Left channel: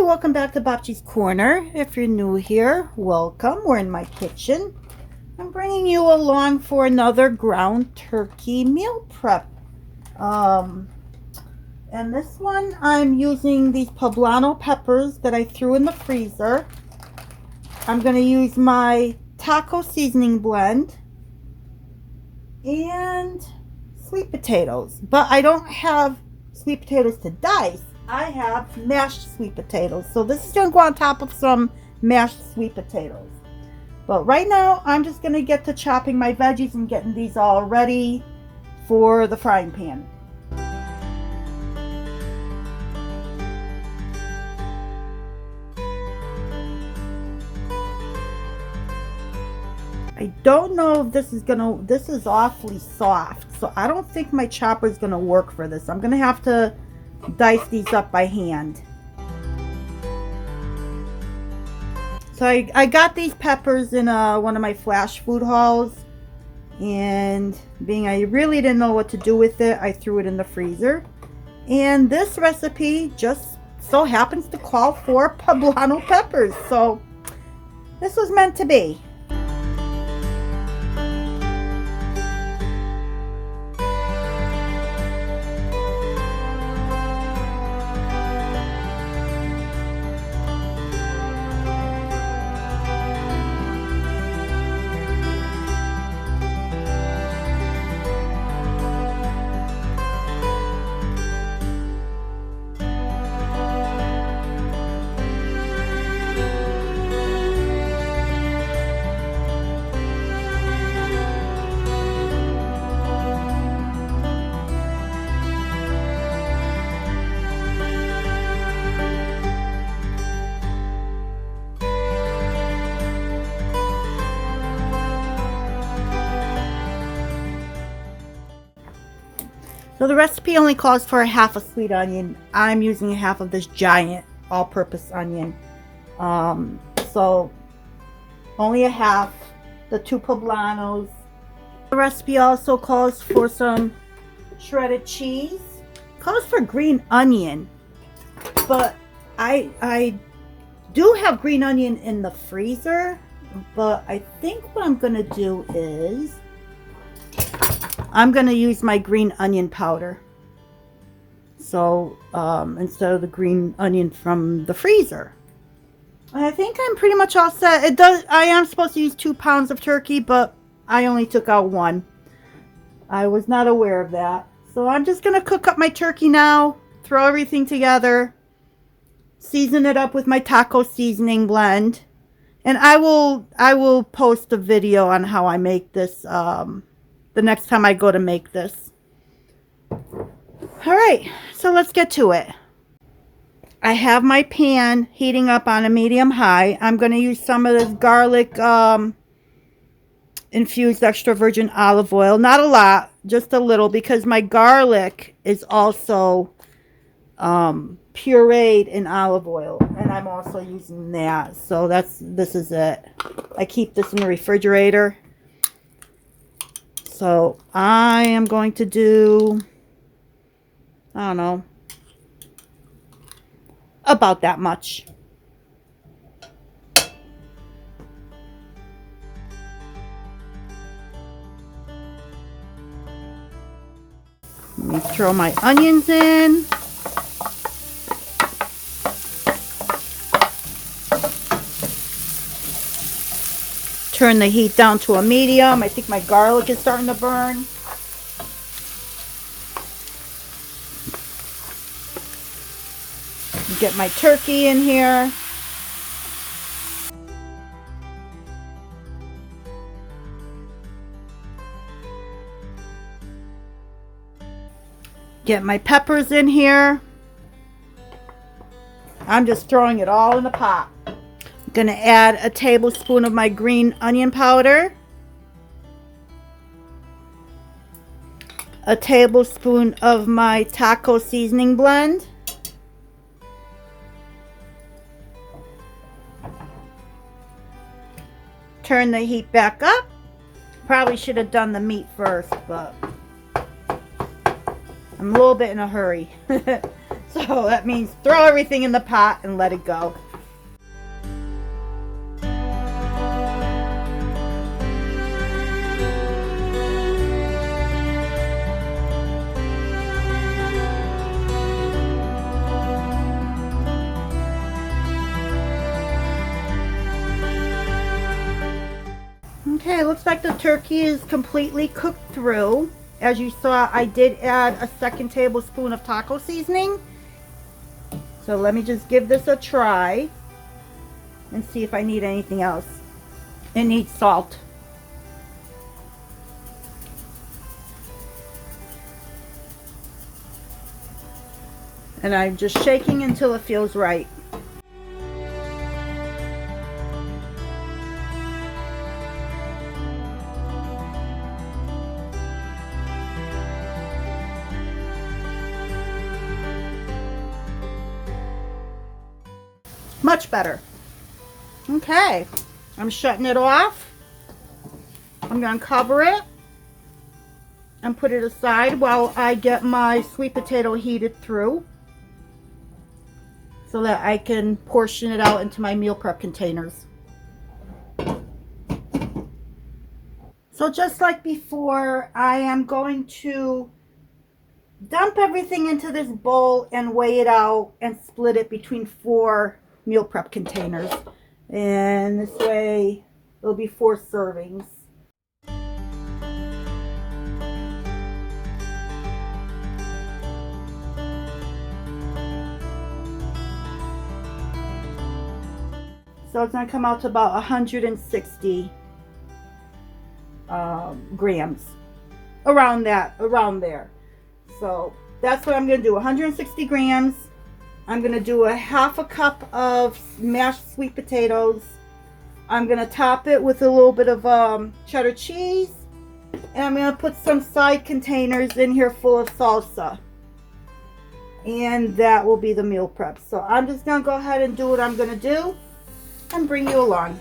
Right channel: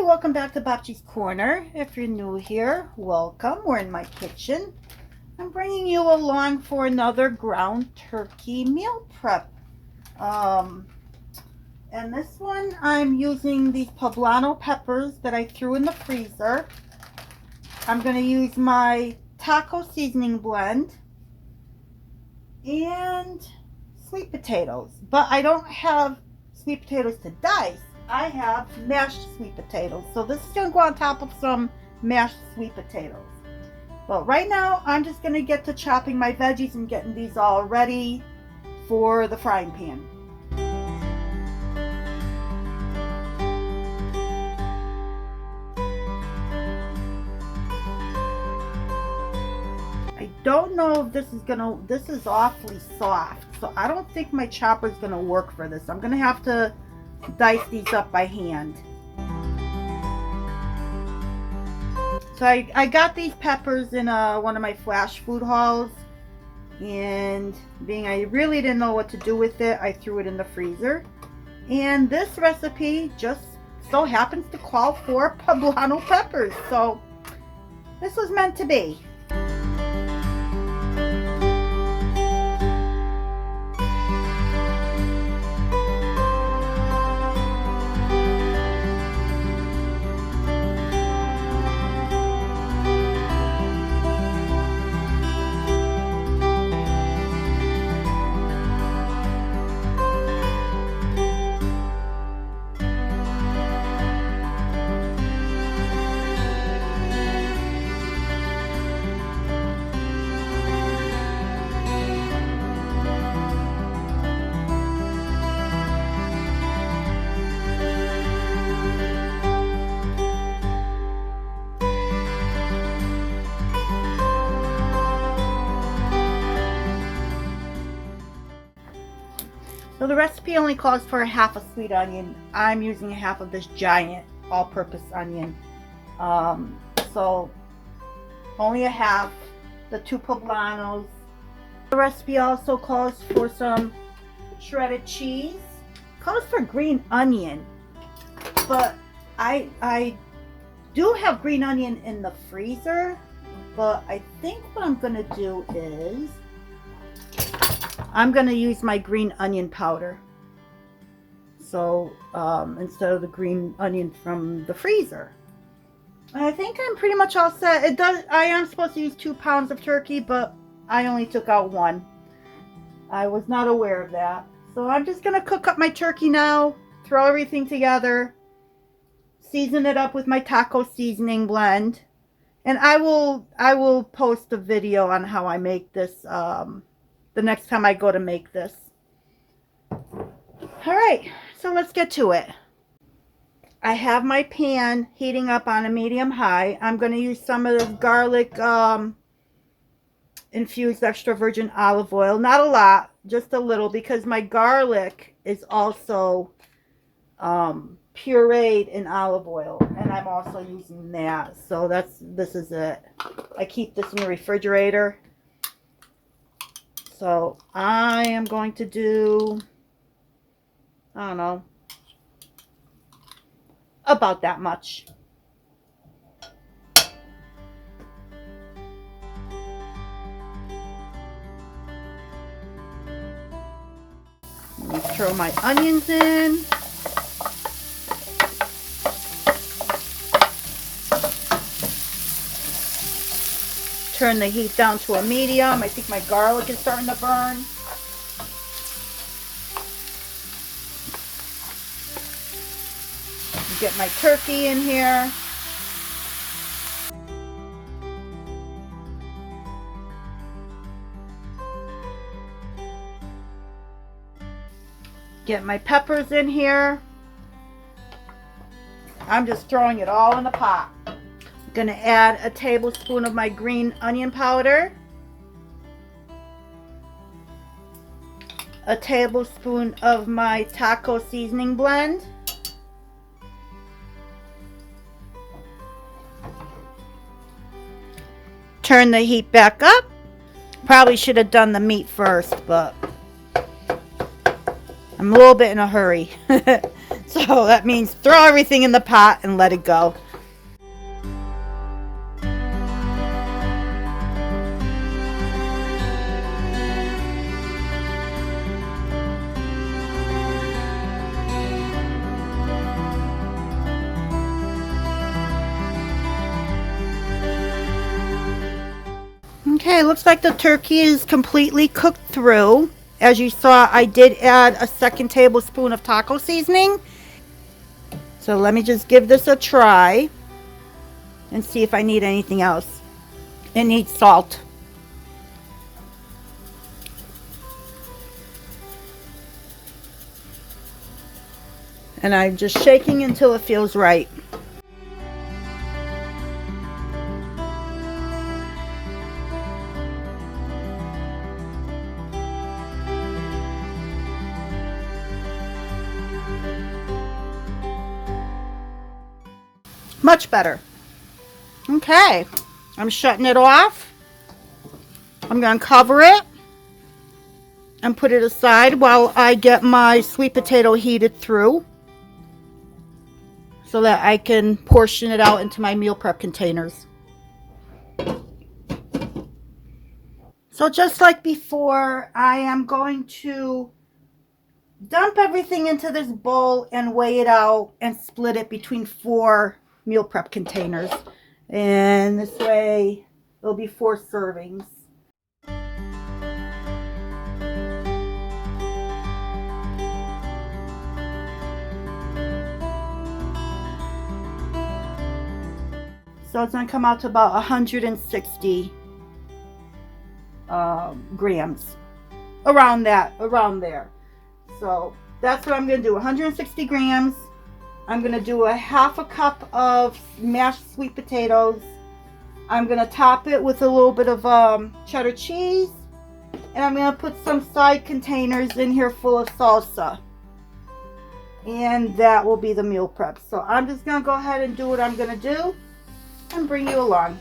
Hi, welcome back to Bobchi's Corner. If you're new here, welcome. We're in my kitchen. I'm bringing you along for another ground turkey meal prep. And this one I'm using these poblano peppers that I threw in the freezer. I'm going to use my taco seasoning blend and sweet potatoes. But I don't have sweet potatoes to dice. I have mashed sweet potatoes. So this is going to go on top of some mashed sweet potatoes. But right now, I'm just going to get to chopping my veggies and getting these all ready for the frying pan. I don't know if this is awfully soft. So I don't think my chopper is going to work for this. I'm going to have to dice these up by hand. So I got these peppers in one of my flash food hauls, and being I really didn't know what to do with it, I threw it in the freezer. And this recipe just so happens to call for poblano peppers, so this was meant to be. So the recipe only calls for a half a sweet onion. I'm using a half of this giant all-purpose onion. So only a half, the 2 poblanos. The recipe also calls for some shredded cheese. Calls for green onion, but I do have green onion in the freezer, but I think what I'm gonna do is I'm going to use my green onion powder. So instead of the green onion from the freezer. I think I'm pretty much all set. I am supposed to use 2 pounds of turkey, but I only took out 1. I was not aware of that. So I'm just going to cook up my turkey now, throw everything together, season it up with my taco seasoning blend. And I will post a video on how I make this the next time I go to make this. Alright, so let's get to it. I have my pan heating up on a medium high. I'm going to use some of this garlic infused extra virgin olive oil. Not a lot, just a little, because my garlic is also pureed in olive oil, and I'm also using that. So this is it. I keep this in the refrigerator. So I am going to do, I don't know, about that much. Let me throw my onions in. Turn the heat down to a medium. I think my garlic is starting to burn. Get my turkey in here. Get my peppers in here. I'm just throwing it all in the pot. I'm going to add a tablespoon of my green onion powder, a tablespoon of my taco seasoning blend, turn the heat back up. Probably should have done the meat first, but I'm a little bit in a hurry. So that means throw everything in the pot and let it go. Okay, looks like the turkey is completely cooked through. As you saw, I did add a 2nd tablespoon of taco seasoning. So let me just give this a try and see if I need anything else. It needs salt. And I'm just shaking until it feels right. Much better. Okay, I'm shutting it off. I'm going to cover it and put it aside while I get my sweet potato heated through so that I can portion it out into my meal prep containers. So just like before, I am going to dump everything into this bowl and weigh it out and split it between 4 meal prep containers, and this way it'll be 4 servings. So it's going to come out to about 160 grams, around there. So that's what I'm going to do, 160 grams. I'm going to do a 1/2 cup of mashed sweet potatoes. I'm going to top it with a little bit of cheddar cheese. And I'm going to put some side containers in here full of salsa. And that will be the meal prep. So I'm just going to go ahead and do what I'm going to do and bring you along.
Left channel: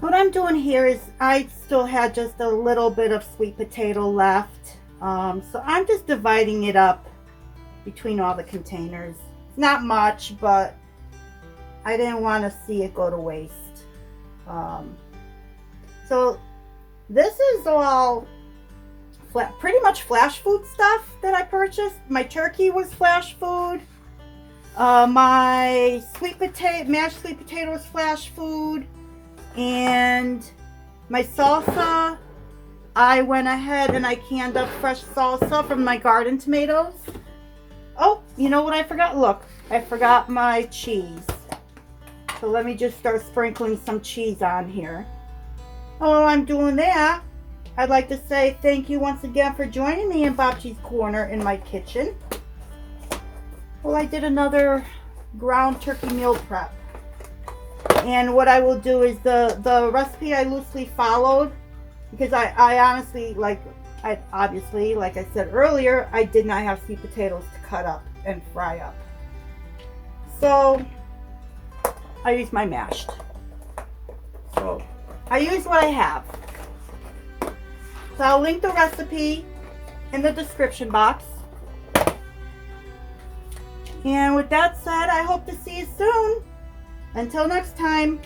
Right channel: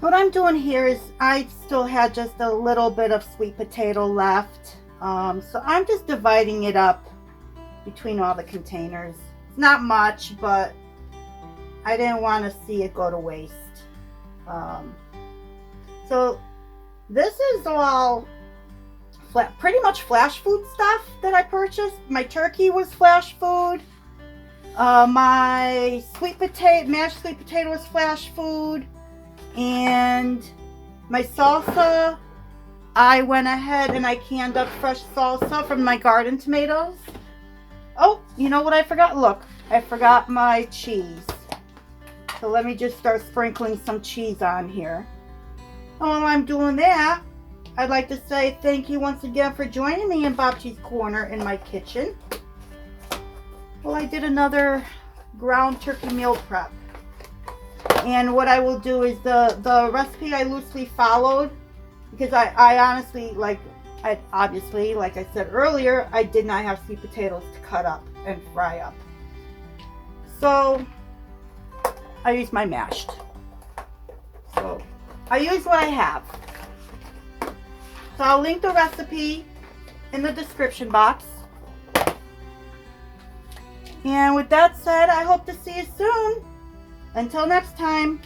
What I'm doing here is I still had just a little bit of sweet potato left. So I'm just dividing it up between all the containers. Not much, but I didn't want to see it go to waste. So this is all pretty much flash food stuff that I purchased. My turkey was flash food. My mashed sweet potato was flash food. And my salsa, I went ahead and I canned up fresh salsa from my garden tomatoes. Oh, you know what I forgot? Look, I forgot my cheese. So let me just start sprinkling some cheese on here. While I'm doing that, I'd like to say thank you once again for joining me in Bob Cheese Corner in my kitchen. Well, I did another ground turkey meal prep. And what I will do is the recipe I loosely followed, because I honestly, obviously, like I said earlier, I did not have sweet potatoes to cut up and fry up. So I used my mashed. So I use what I have. So I'll link the recipe in the description box. And with that said, I hope to see you soon. Until next time.